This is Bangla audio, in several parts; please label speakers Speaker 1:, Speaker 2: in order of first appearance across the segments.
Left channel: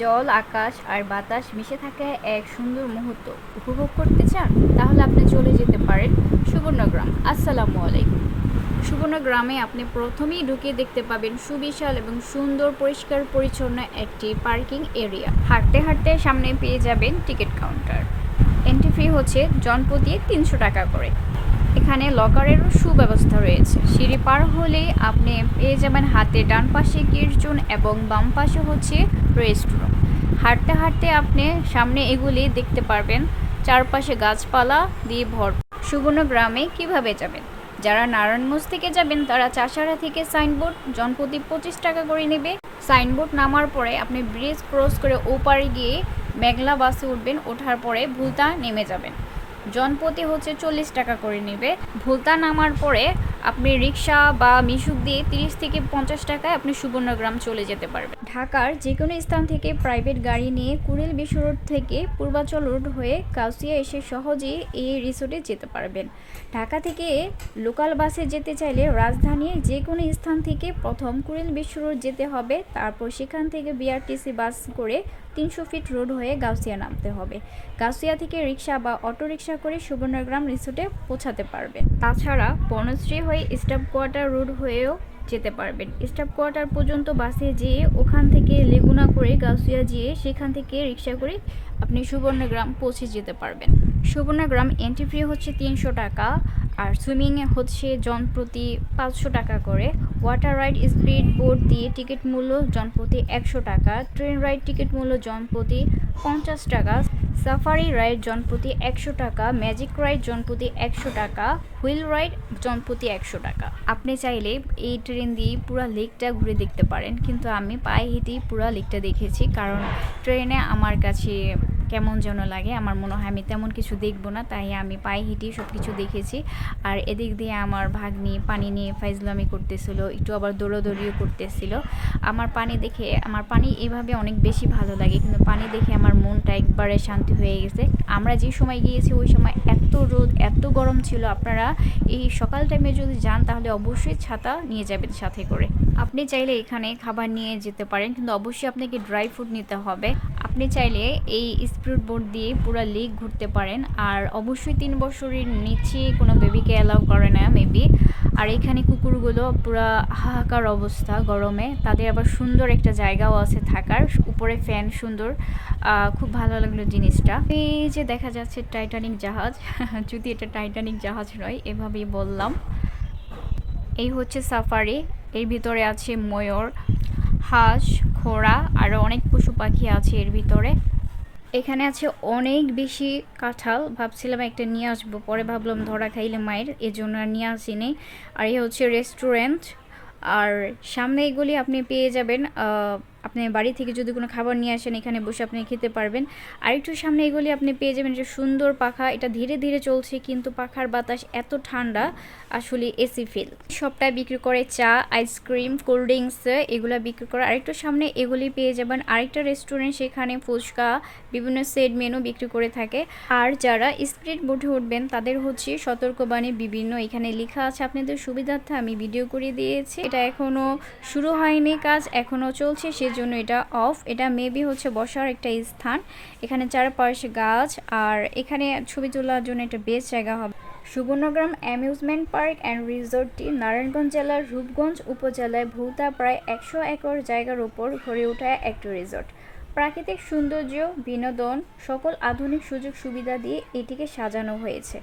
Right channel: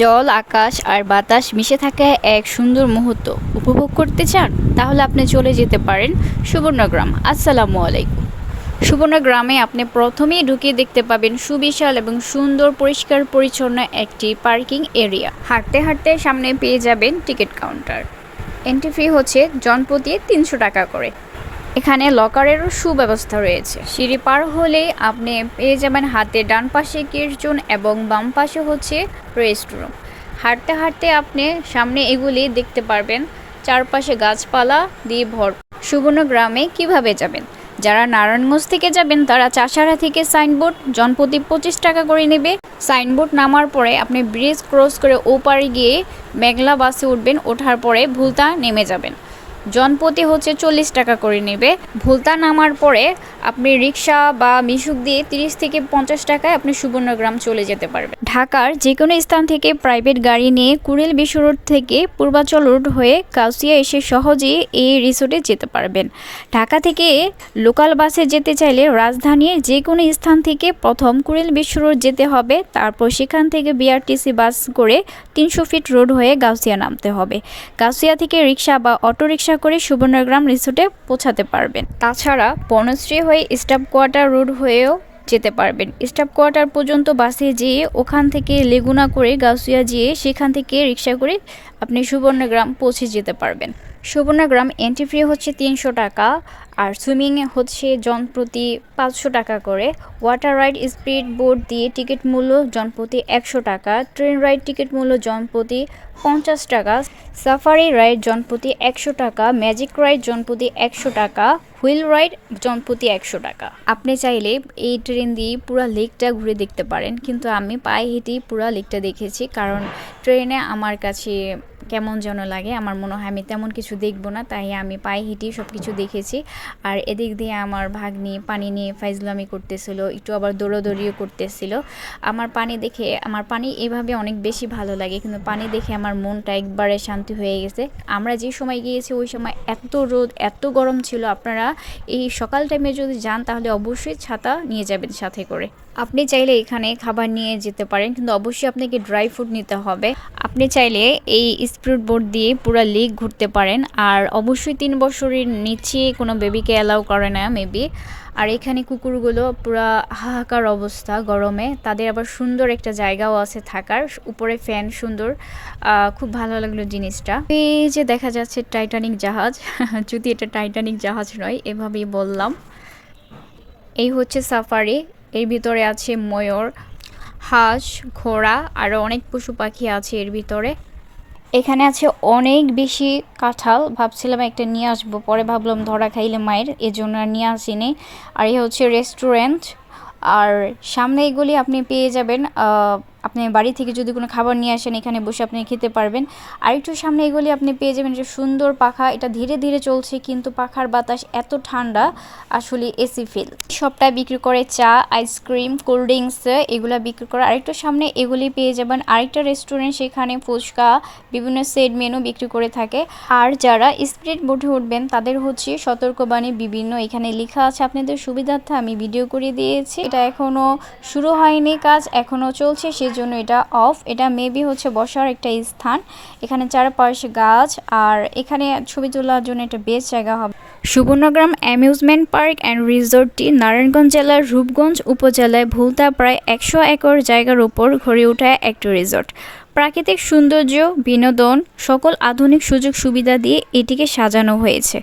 Speaker 1: জল, আকাশ আর বাতাস মিশে থাকা এক সুন্দর মুহূর্ত। উপভোগ করতে চান? তাহলে আপনি চলে যেতে পারেন সুবর্ণগ্রাম। আসসালামু আলাইকুম। সুবর্ণগ্রামে আপনি প্রথমেই ঢুকে দেখতে পাবেন সুবিশাল এবং সুন্দর পরিষ্কার পরিচ্ছন্ন একটি পার্কিং এরিয়া। হাঁটতে হাঁটতে সামনে পেয়ে যাবেন টিকিট কাউন্টার। এন্ট্রি ফি হচ্ছে জনপ্রতি তিনশো টাকা করে। এখানে লকারেরও সুব্যবস্থা রয়েছে। সিঁড়ি পার হলেই আপনি পেয়ে যাবেন হাতে ডান পাশে কিরচুন এবং বাম পাশে হচ্ছে রেস্টরুম হাঁটতে হাঁটতে আপনি সামনে এগুলি দেখতে পারবেন। চারপাশে গাছপালা দিয়ে ভর সুবর্ণ গ্রামে কীভাবে যাবেন? যারা নারায়ণগঞ্জ থেকে যাবেন, তারা চাষারা থেকে সাইনবোর্ড জনপ্রতি পঁচিশ টাকা করে নেবে। সাইনবোর্ড নামার পরে আপনি ব্রিজ ক্রস করে ওপারে গিয়ে মেঘলা বাসে উঠবেন। ওঠার পরে ভুলতা নেমে যাবেন। জনপ্রতি হচ্ছে চল্লিশ টাকা করে নেবে। ভুলতা নামার পরে আপনি রিক্সা বা মিশুক দিয়ে তিরিশ থেকে পঞ্চাশ টাকায় আপনি সুবর্ণগ্রাম চলে যেতে পারবেন। ঢাকার যে কোনো স্থান থেকে প্রাইভেট গাড়ি নিয়ে কুড়িল বিশ্ব রোড থেকে পূর্বাচল রোড হয়ে কাউসিয়া এসে সহজেই এই রিসোর্টে যেতে পারবেন। ঢাকা থেকে লোকাল বাসে যেতে চাইলে রাজধানীর যে কোনো স্থান থেকে প্রথম কুড়িল বিশ্ব রোড যেতে হবে। তারপর সেখান থেকে বিআরটিসি বাস করে তিনশো ফিট রোড হয়ে গাউসিয়া নামতে হবে। গাউসিয়া থেকে রিক্সা বা অটো রিক্সা করে সুবর্ণগ্রাম রিসোর্টে পৌঁছাতে পারবেন। তাছাড়া বনশ্রী হয়ে স্টাফ কোয়ার্টার রোড হয়েও যেতে পারবেন। স্টাফ কোয়ার্টার পর্যন্ত বাসে যেয়ে ওখান থেকে লেগুনা করে গাউসিয়া যেয়ে সেখান থেকে রিক্সা করে আপনি সুবর্ণগ্রাম পৌঁছে যেতে পারবেন। সুবর্ণগ্রাম এন্ট্রি ফি হচ্ছে তিনশো টাকা আর সুইমিংয়ে হচ্ছে জন প্রতি পাঁচশো টাকা করে। ওয়াটার রাইড স্পিড বোট দিয়ে টিকিট মূল্য জন প্রতি একশো টাকা ট্রেন রাইড টিকিট মূল্য জন প্রতি পঞ্চাশ টাকা সাফারি রাইড জনপ্রতি একশো টাকা ম্যাজিক রাইড জনপ্রতি একশো টাকা হুইল রাইড জনপ্রতি একশো টাকা। আপনি চাইলে এই ট্রেন দিয়ে পুরো লেকটা ঘুরে দেখতে পারেন। কিন্তু আমি পায়ে হেঁটেই পুরো লেকটা দেখেছি, কারণ ট্রেনে আমার কাছে কেমন যেন লাগে। আমার মনে হয় আমি তেমন কিছু দেখব না, তাই আমি পায়ে হেঁটেই সব কিছু দেখেছি। আর এদিক দিয়ে আমার ভাগ্নি পানি নিয়ে ফাইজলামি করতেছিল, একটু আবার দৌড়োদৌড়িও করতেছিল। আমার পানি দেখে, আমার পানি এভাবে অনেক বেশি ভালো লাগে, কিন্তু পানি দেখে আমার মনটা একবারে শান্তি হয়ে গেছে। আমরা যে সময় গিয়েছি ওই সময় এত রোদ, এত গরম ছিল। আপনারা এই সকাল টাইমে যদি যান, তাহলে অবশ্যই ছাতা নিয়ে যাবেন সাথে করে। আপনি চাইলে এখানে খাবার নিয়ে যেতে পারেন, কিন্তু অবশ্যই আপনাকে ড্রাই ফ্রুট নিতে হবে। আপনি চাইলে এই স্পিড বোট দিয়ে পুরো লেক ঘুরতে পারেন। আর অবশ্যই তিন বছরের নিচে কোনো বেবিকে অ্যালাউ করে না মেবি আর এখানে কুকুরগুলো পুরো হাহাকার অবস্থা গরমে। তাদের আবার সুন্দর একটা জায়গাও আছে থাকার। উপরে ফ্যান সুন্দর। খুব ভালো লাগল জিনিসটা। এই যে দেখা যাচ্ছে টাইটানিক জাহাজ। যদি এটা টাইটানিক জাহাজ নয়, এভাবেই বললাম। এই হচ্ছে সাফারি এর ভিতরে আছে ময়ূর, হাঁস, ঘোড়া আরও অনেক পশু পাখি আছে এর ভিতরে। এখানে আছে অনেক বেশি কাঁঠাল। ভাবছিলাম একটা নিয়ে আসব, পরে ভাবলাম ধরা খাইলে মায়ের, এজন্য আর নিয়ে আসিনি। আর এ হচ্ছে রেস্টুরেন্ট আর সামনে এগুলি আপনি পেয়ে যাবেন আপনি বাড়ি থেকে যদি কোনো খাবার নিয়ে আসেন, এখানে বসে আপনি খেতে পারবেন। আর একটু সামনে এগুলি আপনি পেয়ে যাবেন যে সুন্দর পাখা। এটা ধীরে ধীরে চলছে, কিন্তু পাখার বাতাস এত ঠান্ডা, আসলে এসি ফিল। সবটাই বিক্রি করে চা, আইসক্রিম, কোল্ড ড্রিঙ্কস, এগুলো বিক্রি করে আরেকটু সামনে এগুলি পেয়ে যাবেন। আরেকটা রেস্টুরেন্ট, সেখানে ফুচকা, বিভিন্ন সেট মেনু বিক্রি করে থাকে। আর যারা স্পিড বোটে উঠবেন, তাদের হচ্ছে সতর্কবাণী বিভিন্ন। এখানে লেখা আছে আপনাদের সুবিধার্থে, আমি ভিডিও করে দিয়েছি। এটা এখনও শুরু হয়নি কাজ, এখনও চলছে। সেজন্য এটা অফ এটা মেবি হচ্ছে বসার একটা স্থান। এখানে চারপাশে গাছ, আর এখানে ছবি তোলার জন্য একটা বেশ জায়গা হবে। সুবর্ণগ্রাম অ্যামিউজমেন্ট পার্ক অ্যান্ড রিসোর্টটি নারায়ণগঞ্জ জেলার রূপগঞ্জ উপজেলায় ভুলতা প্রায় একশো একর জায়গার উপর গড়ে ওঠা একটি রিসোর্ট। প্রাকৃতিক সৌন্দর্য, বিনোদন, সকল আধুনিক সুযোগ সুবিধা দিয়ে এটিকে সাজানো হয়েছে।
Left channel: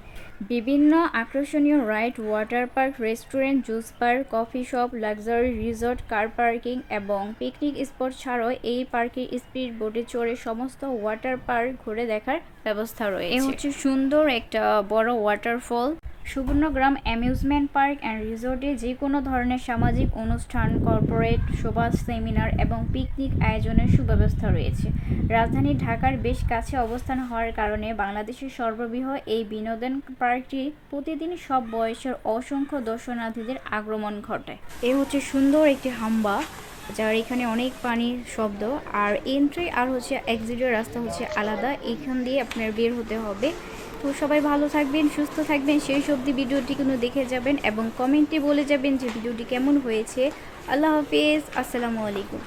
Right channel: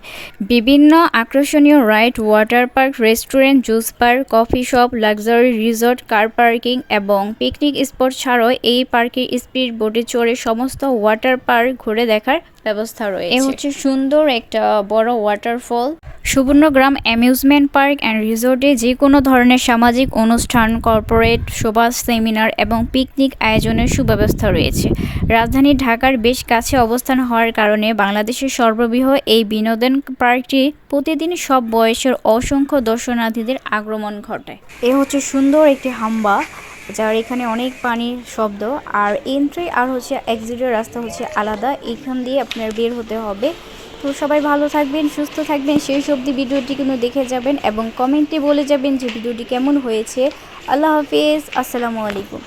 Speaker 1: বিভিন্ন আকর্ষণীয় ride, water park, restaurant, juice park coffee shop, luxury resort, car parking এবং পিকনিক স্পট ছাড়াও এই পার্কের স্পিড বোটে চড়ে সমস্ত ওয়াটার পার্ক ঘুরে দেখার ব্যবস্থা রয়েছে। এ হচ্ছে সুন্দর একটা বড় waterfall Subarnagram amusement park and রিসোর্টে যে কোনো ধরনের সামাজিক অনুষ্ঠান, কর্পোরেট সভা সেমিনার এবং পিকনিক আয়োজনের সুব্যবস্থা রয়েছে। রাজধানী ঢাকার বেশ কাছে অবস্থান হওয়ার কারণে বাংলাদেশের সর্ববৃহৎ এই বিনোদন পার্কটি প্রতিদিন সব বয়সের অসংখ্য দর্শনার্থীদের আগমন ঘটায়। এ হচ্ছে সুন্দর একটি হাম্বা, যার এখানে অনেক পানির শব্দ, আর এন্ট্রি আর হচ্ছে এক্সিটের রাস্তা হচ্ছে আলাদা। এখান দিয়ে আপনার বের হতে হবে। তো সবাই ভালো থাকবেন, সুস্থ থাকবেন। সেই অবধি ভিডিওটি কিন্তু দেখে যাবেন এবং কমেন্টে বলে যাবেন যে ভিডিওটি কেমন হয়েছে। আল্লাহ হাফিজ, আসসালামু আলাইকুম।